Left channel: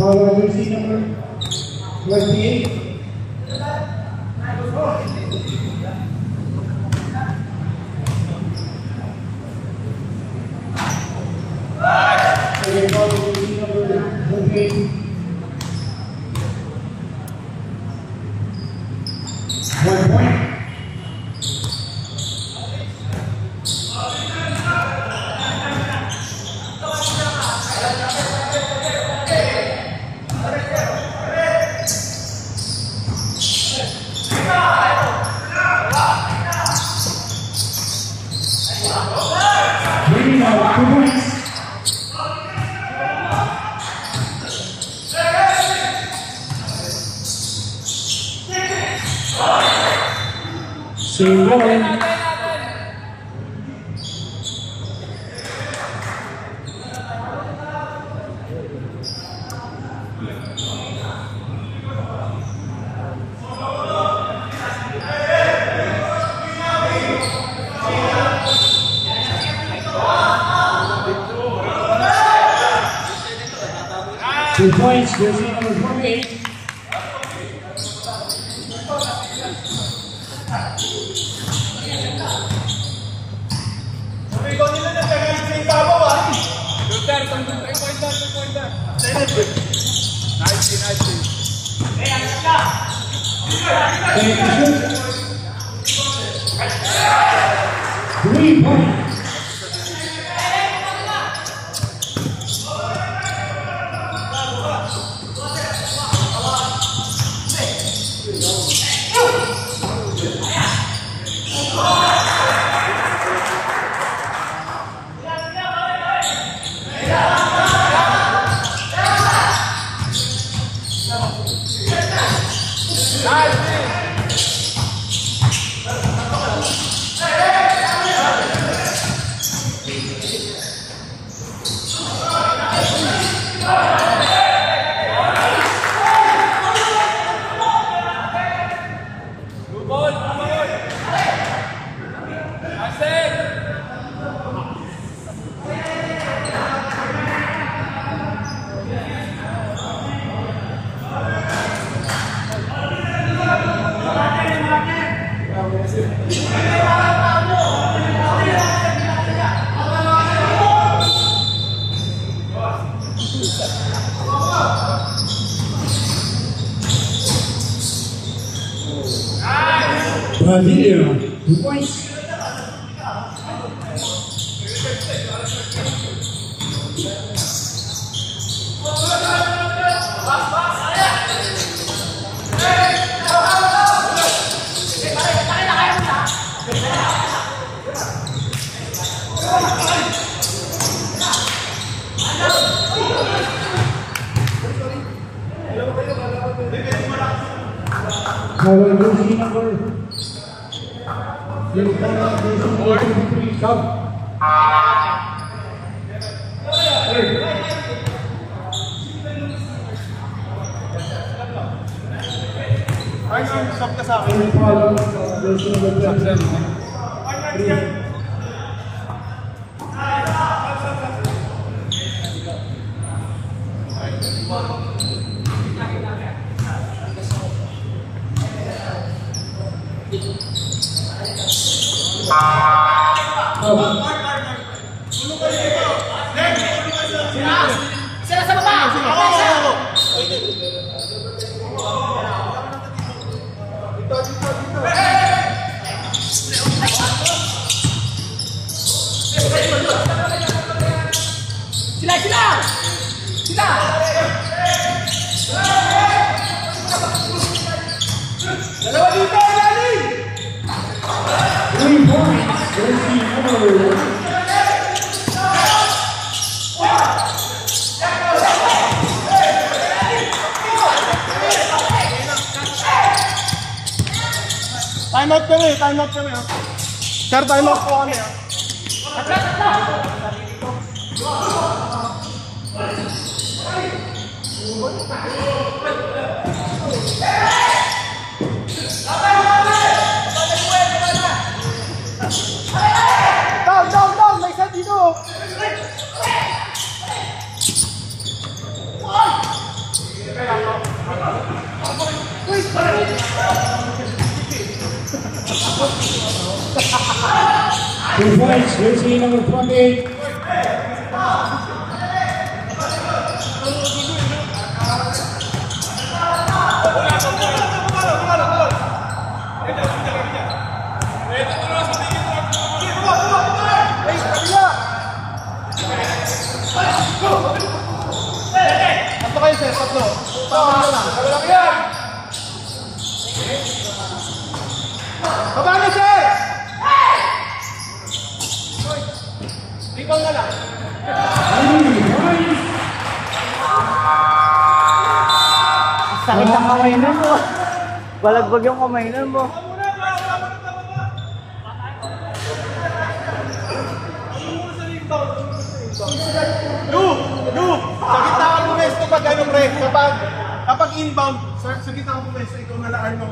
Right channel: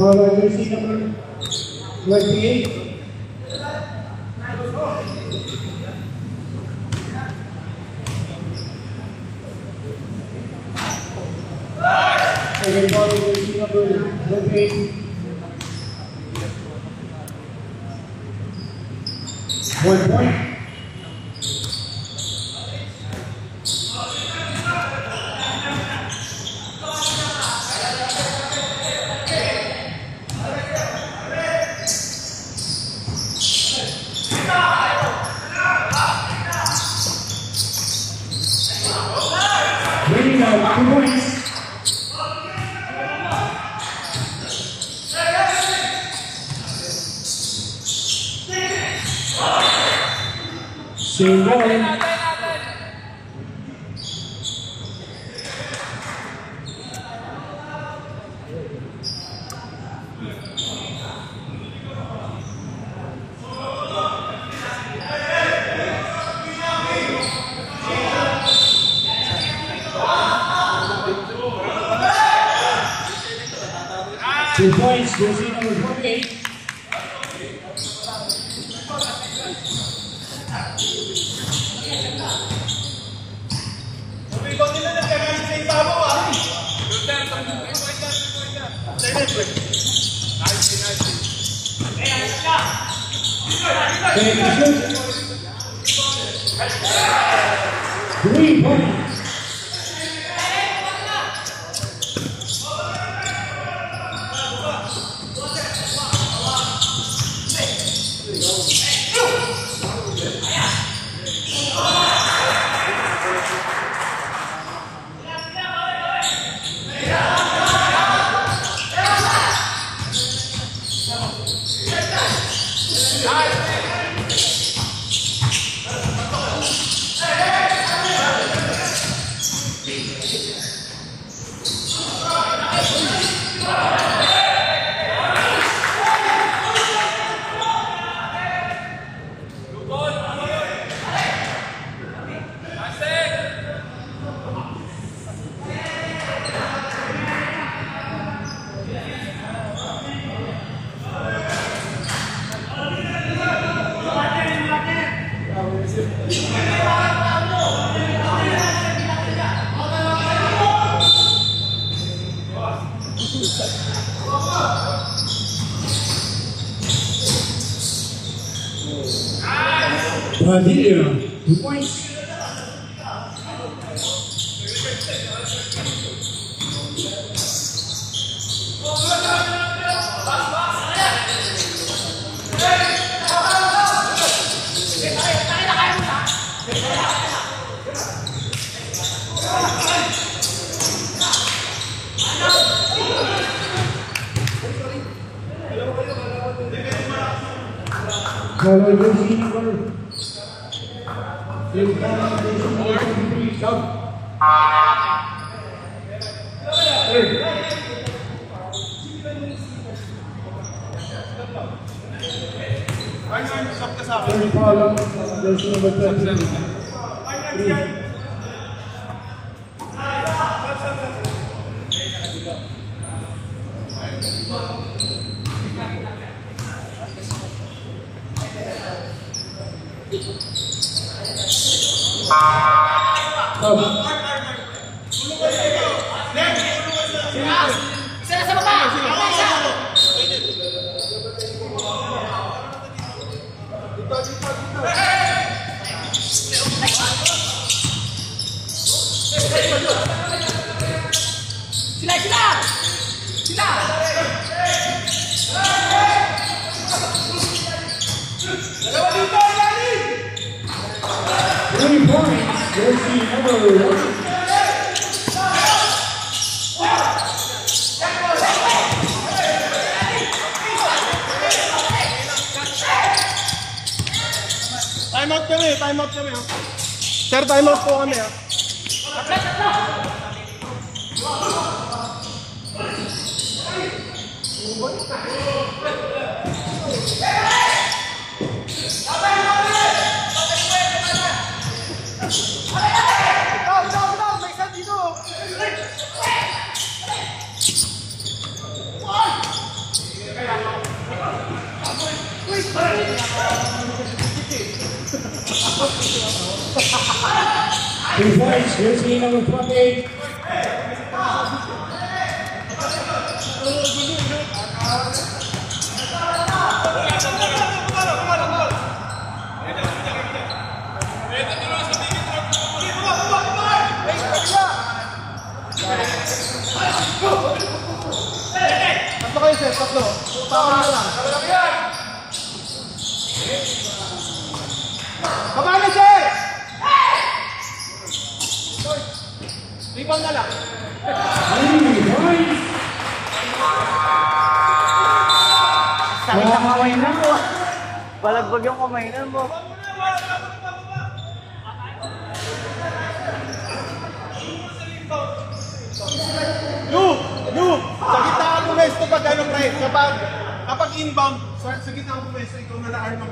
Number 28. Two points, jersey number 48. Three points. Brasilia, 2 points. Color jersey number 23, Sub. Stop ka sa akin. Jersey number 23. Sila sa baba! Sila! 3 points. Jersey number 1. Time out kami, ha. Sir, time out po kami, ha. Down, may set dito. Two points. Jersey number 28. Kabalo siya! Sakit ang kamay nun mo. Balagbag yung kamay nun mo. Lu! Sa gitna ang pumesto pag ganong red. Kapag inbound, sa gitna ang pumesto, ikaw nalaan ng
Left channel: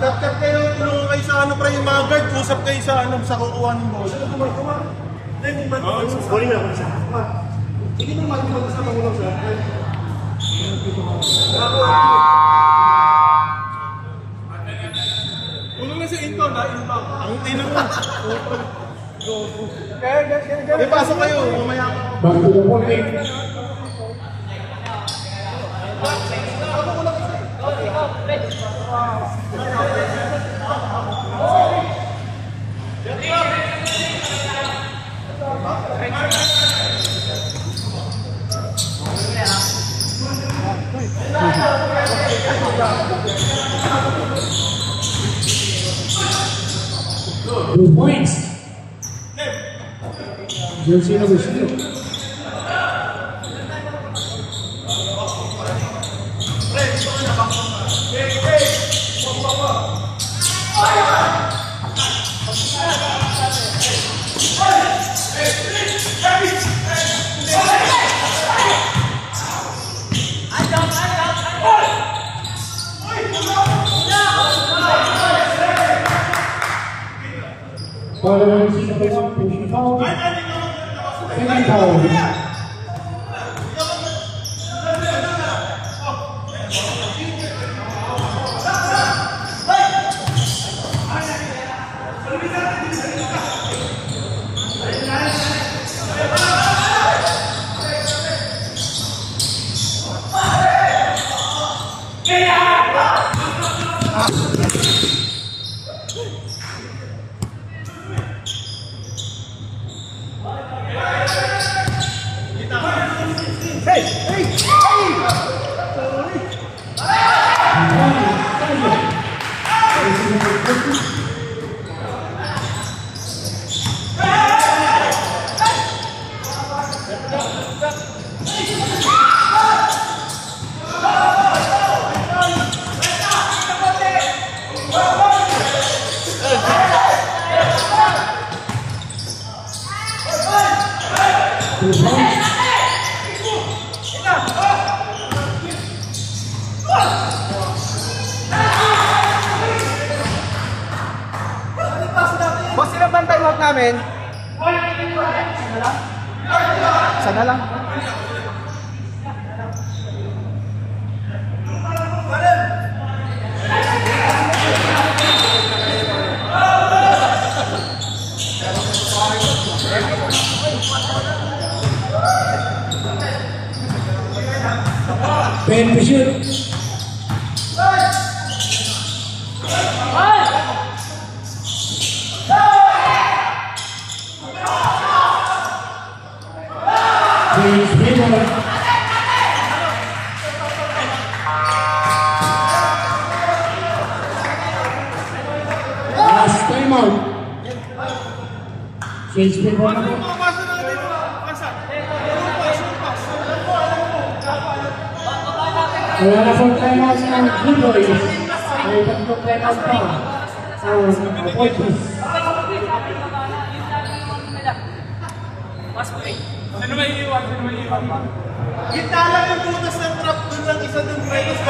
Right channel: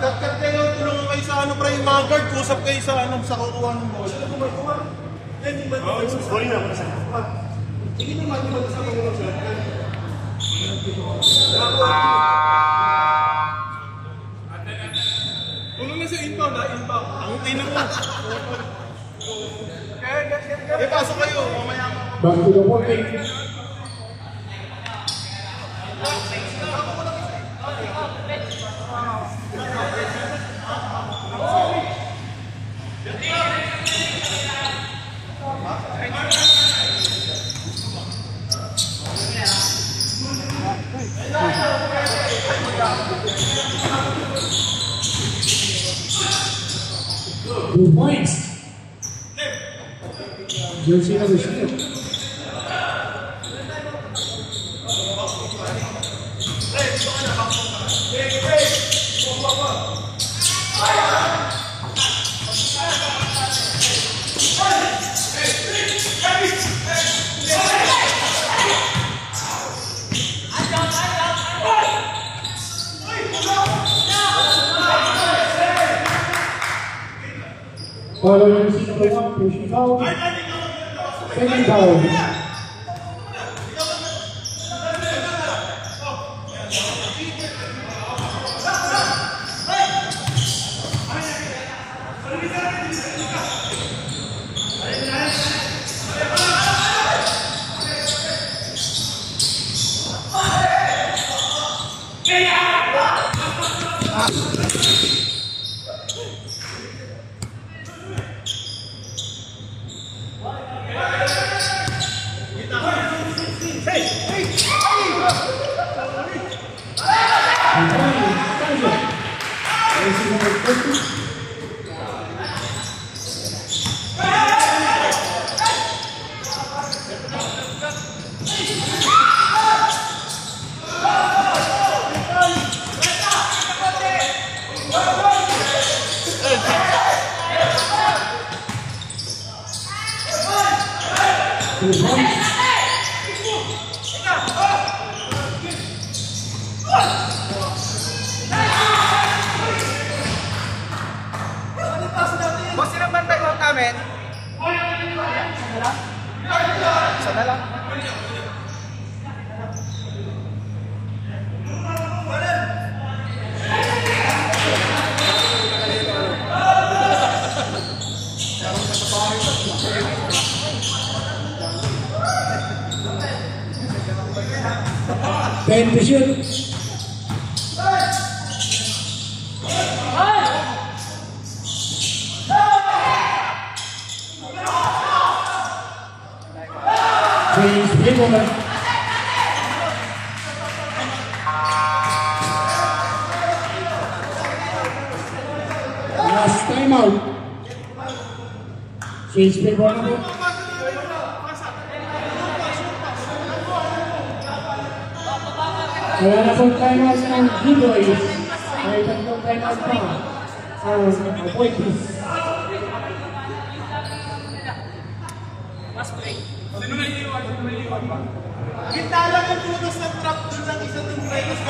step kayo, tulungan kayo sa ano, yung mga guard, usap kayo sa ano, sa kukuha ng ball. Hindi mo matuman sa pangulang sila. Tulong na sa inbound, ha? Inbound. Ang tina mo. Kaya pasok kayo. Back to the point. Two points. Jersey number 6. Following number 1, pushing foul. Second foul. Boss, sino bang time out namin? Sana lang. Ben to shoot. Please, Himmelman. time out. Change the ball. Wala na pong time out ng Blue Boys. May tatlong time out pa. Appointments. Sino may iwan? Kita lang yung butas ng trap doon lang isa doon ba yung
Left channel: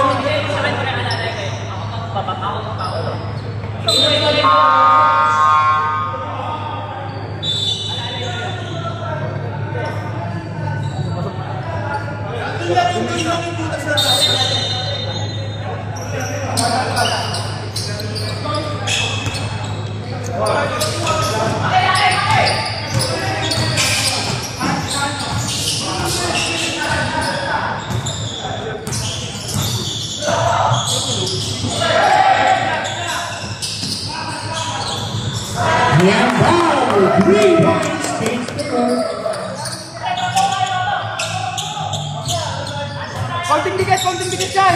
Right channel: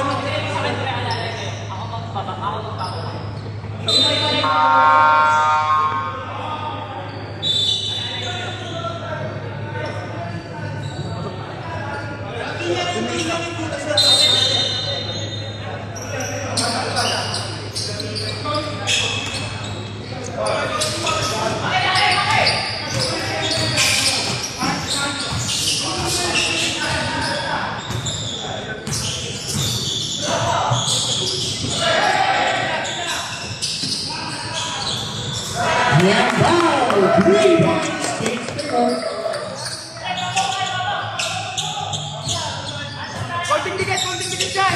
konting dikit dyan!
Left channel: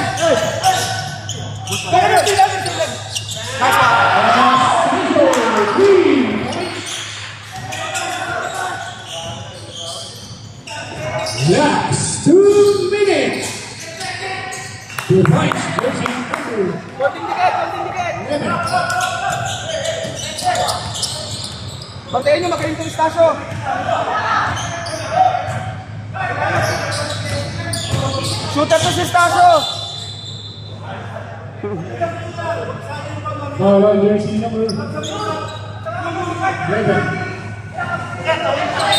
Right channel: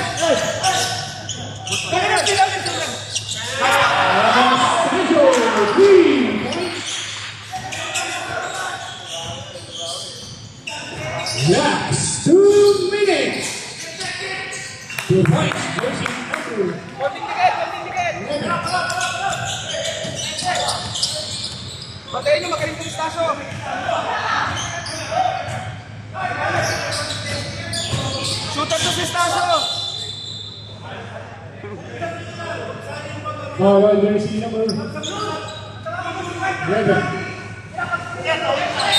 Kaya sila! Yes, 2 minutes. Konting dikit! Batayin nyo, makaintong stasyo! Shooter to si Stasyo! Bawal jersey number 11.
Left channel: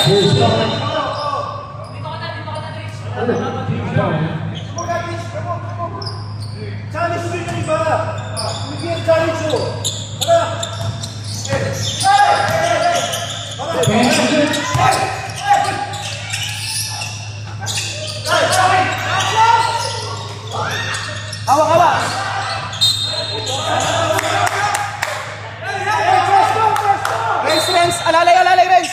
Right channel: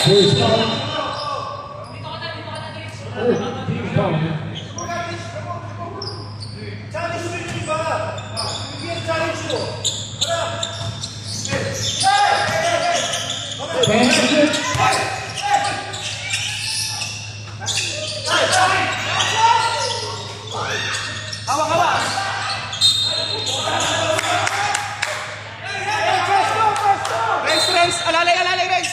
First down. Team foul. Challenge mo yung iba! Hindi yung challenge mo! Hawak! Renz! Alalay, Renz!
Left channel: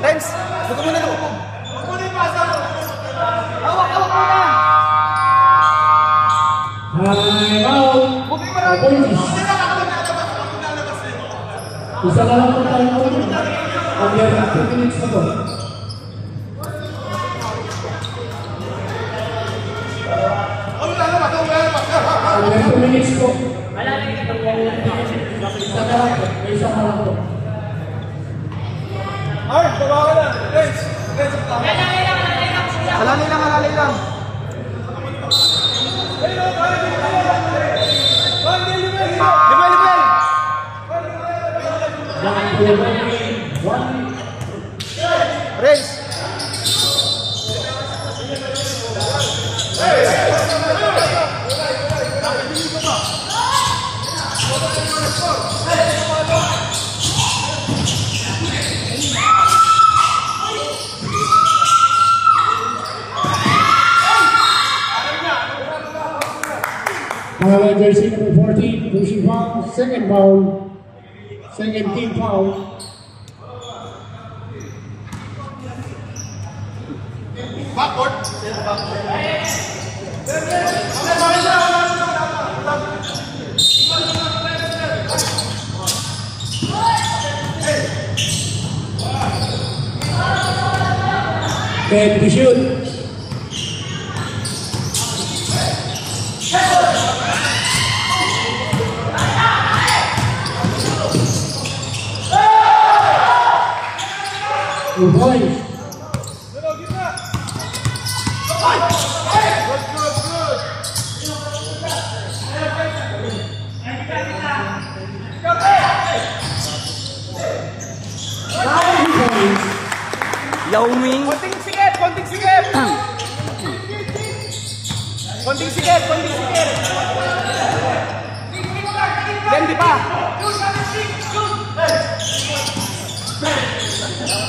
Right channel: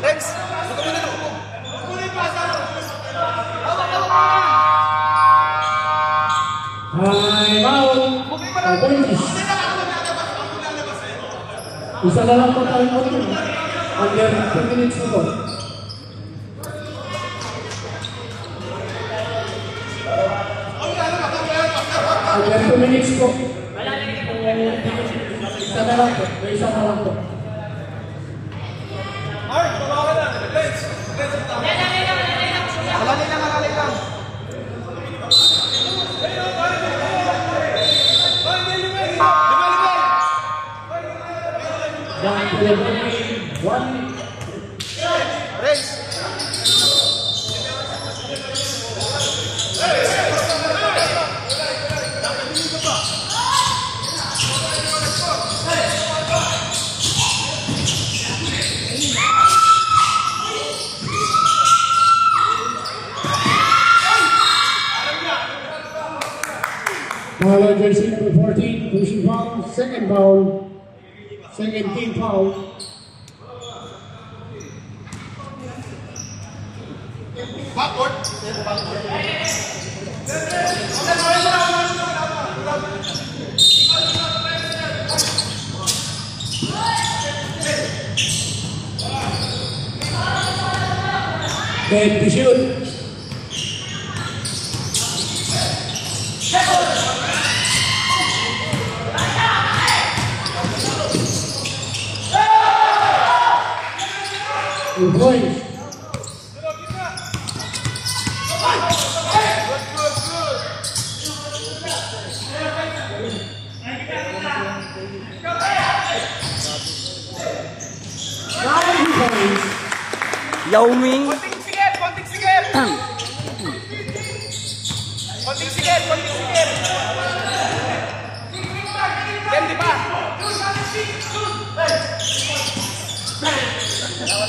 Renz! Isa na lang po tayo mo. Mag-2 minutes na po. Mag-2 minutes po. Isa na lang po. Isa na lang po. Ay, babawa lang! Renz! Alalay lang! Renz! Bawal jersey number 14. Pushing foul. Second foul. Second team foul. Backward! Then to shoot. Good boys. Yao Ming. Konting sikip! Yan, di ba?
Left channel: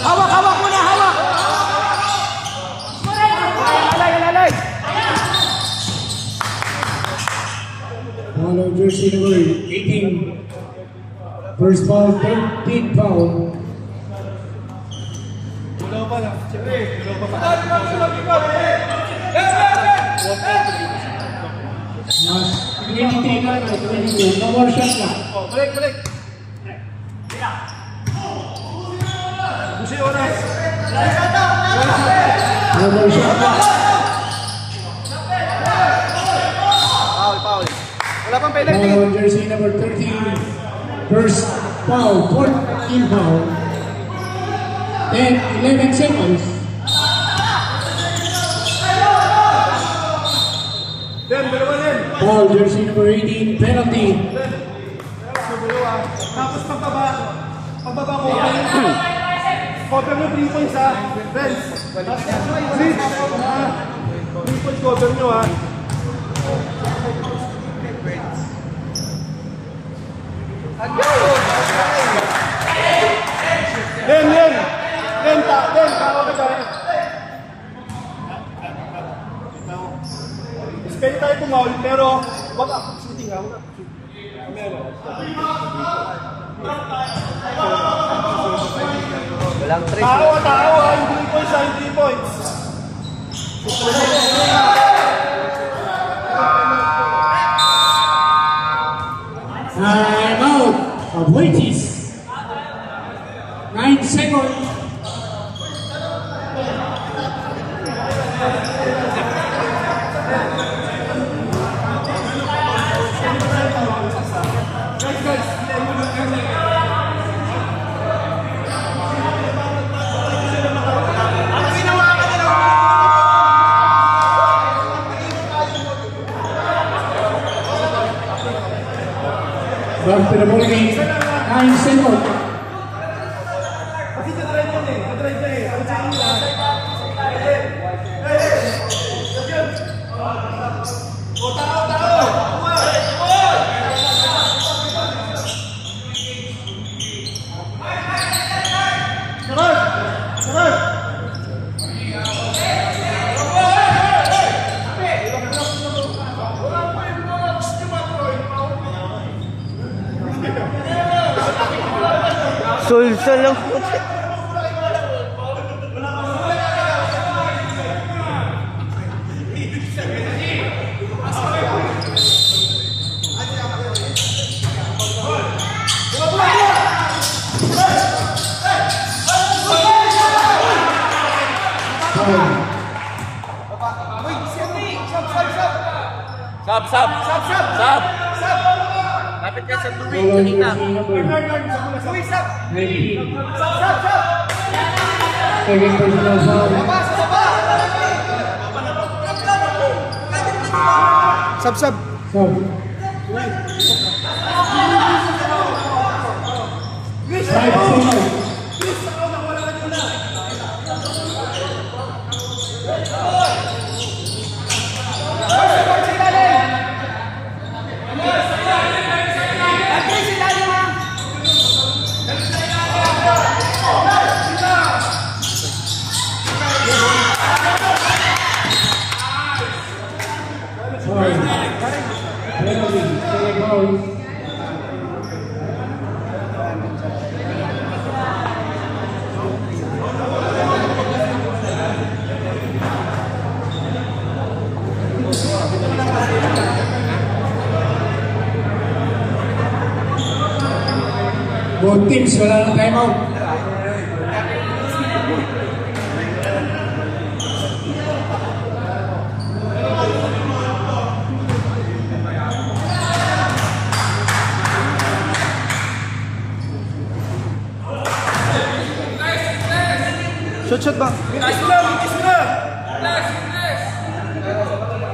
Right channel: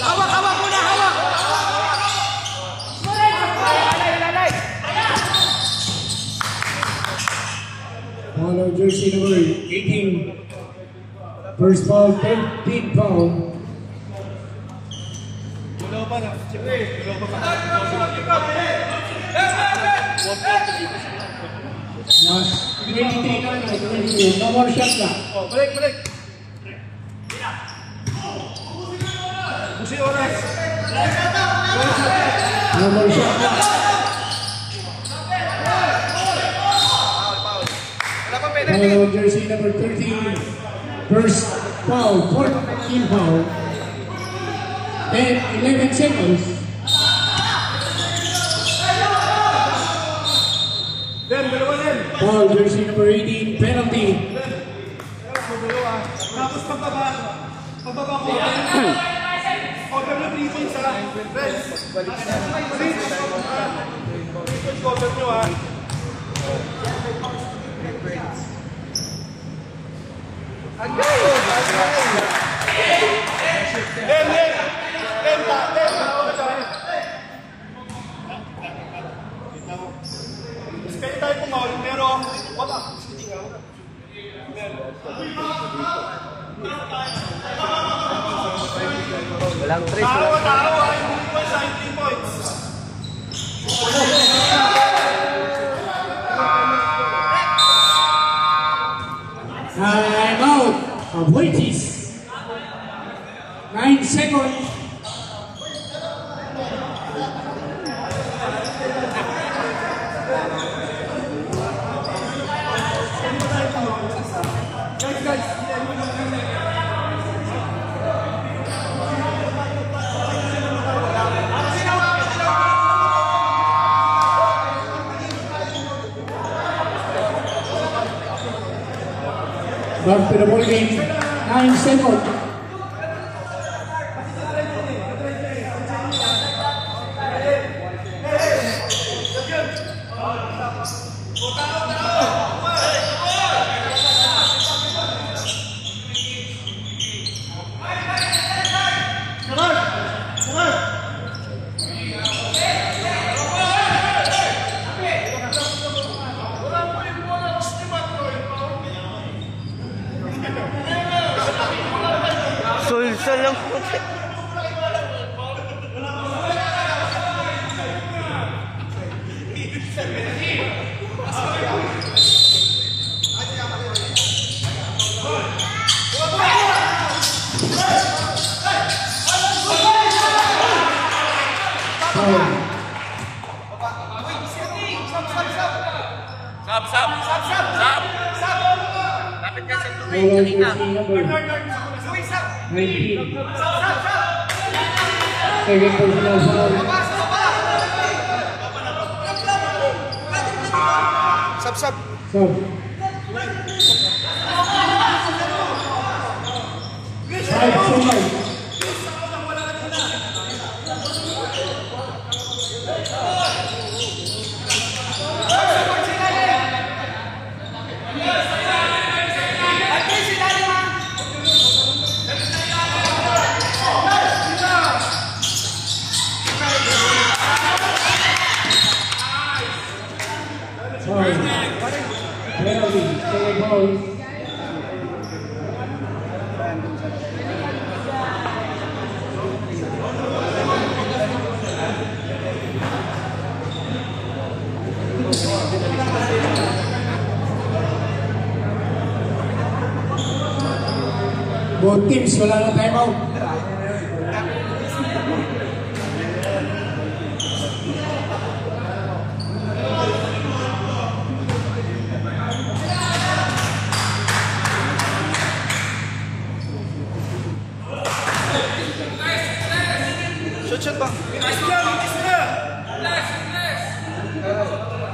Hawak muna! Alay! Bawal jersey number 18. First foul, third team foul. Last 23 ka na, 21. No more shot na. Balik. Busi oras. No more shot na. Foul. Wala pang pwede. Jersey number 13. First foul, fourth team foul. 11 seconds. Foul, jersey number 18, penalty. Tapos pagbaba ko. Cover nyo 3 points ha. Friends. 3 points cover nyo ha. Len. Kaya tayo pumaul, pero wag ako shooting ha. Tao, yung 3 points ha, yung 3 points. Time out of Waities. 9 seconds. Back to the ball game. 9 seconds. Sulsol lang po. Stop. Lapit ka sa tubig. Kanina. 19. Second personal foul. Sub. Sub. 5 seconds. Penalty, second foul. Both teams wala na timeout. Shot ba?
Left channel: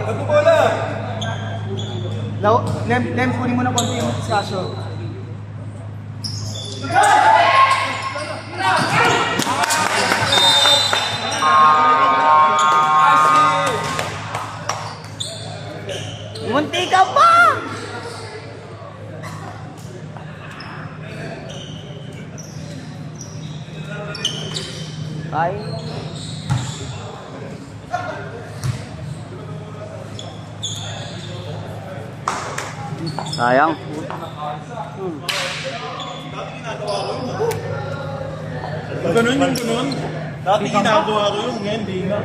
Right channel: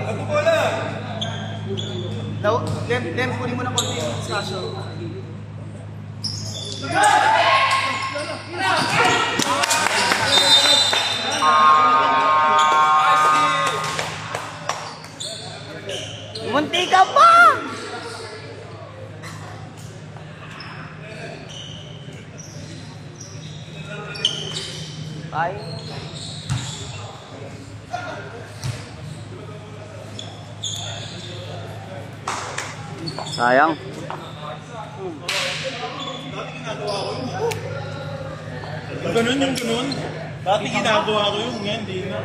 Ano bola? Len, kunin mo na konti yung sasyo. Munti ka pa! Bye. Sayang. Ganun. Dati ginagawa ko yun, ngayon di na.